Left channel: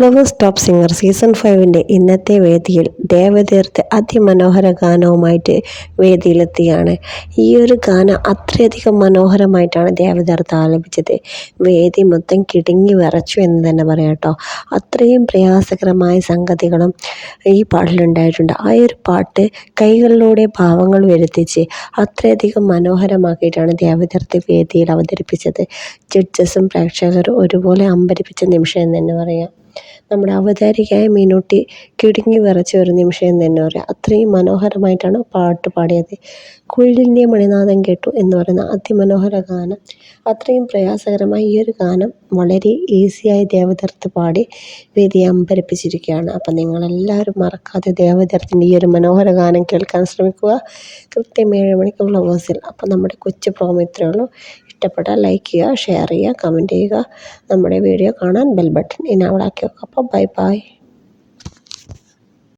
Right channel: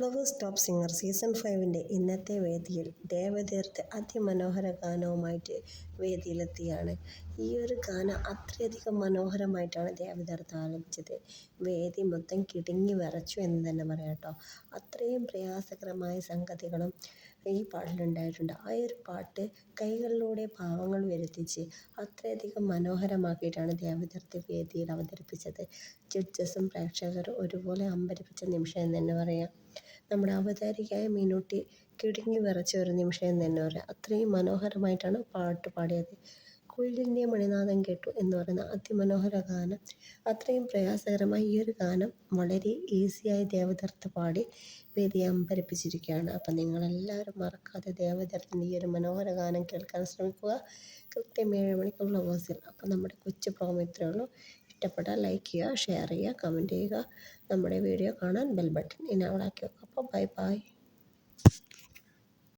Flowers top singer season 5 ഇന്നത്തെ വേദിയിൽ ദേവതീർത്ത് അതിമനോഹര ഗാനവുമായിട്ട് വേദിയിലെത്തിയാണ്. ഈ ഒരു ഗാനം അത്രയധികം മനോഹരമായിട്ടാണ് ദേവതീർത്ത് ആലപിച്ചത്. വേദി മൊത്തം കിടുങ്ങി വിറച്ചു എന്ന് തന്നെ പറയാം കേട്ടോ. അത്രയും പ്രയാസകരമായ സംഗതികളും ഈ പാട്ടിലുണ്ടായിട്ടുണ്ട്. ആ ഒരു പാട്ട് കൈകളിലൂടെ ഭാവങ്ങൾ വരുത്തിച്ച് അത്രയധികം മനോഹരമാക്കിയിട്ടാണ് ദേവതീർത്ത് വേദിയിൽ അവതരിപ്പിച്ചത്. ജഡ്ജസും പ്രേക്ഷകരും ഒരുപോലെ അമ്പരിപ്പിച്ച നിമിഷം എന്ന് തന്നെ പറയാം. നമ്മുടെ അവതാരികയായ മീനൂട്ടി കിടുങ്ങി വിറച്ച ഒരു നിമിഷം എന്ന് തന്നെ പറയാം. അത്രയും മനോഹരമായിട്ടാണ് പാട്ട് പാടിയത്. കുയിലിൻ്റെ മണിനാദം കേട്ടു എന്ന് പറയുന്ന അതിമനോഹര ഗാനം, അത്രയും പ്രയാസകരമായ ഈ ഒരു ഗാനം വളരെ ഈസിയായി ദേവതീർത്ത് പാടി വേദിയെ അമ്പരിപ്പിച്ചിരിക്കുകയാണ്. അപ്പം നിങ്ങളെല്ലാവരും മറക്കാതെ ദേവതീർത്തിൻ്റെ ഈ ഒരു മനോഹര ഗാനം കേൾക്കാൻ ശ്രമിക്കുക. കൃത്യം 7 മണിക്ക് ഫ്ലവേഴ്സിൽ. അപ്പം നമ്മുടെ കൊച്ചു പ്രോമോ ഇത്രയേ ഉള്ളൂ. ഇഷ്ടപ്പെട്ടാൽ ലൈക്ക് ചെയ്യുക, ഷെയർ ചെയ്യുക, കമൻറ്റ് ചെയ്യുക. നമ്മുടെ വീഡിയോ കാണാൻ ബെൽ ബട്ടൺ ഇനാബിൾ ആക്കി വെക്കുക. അപ്പോൾ ബൈ ബൈ.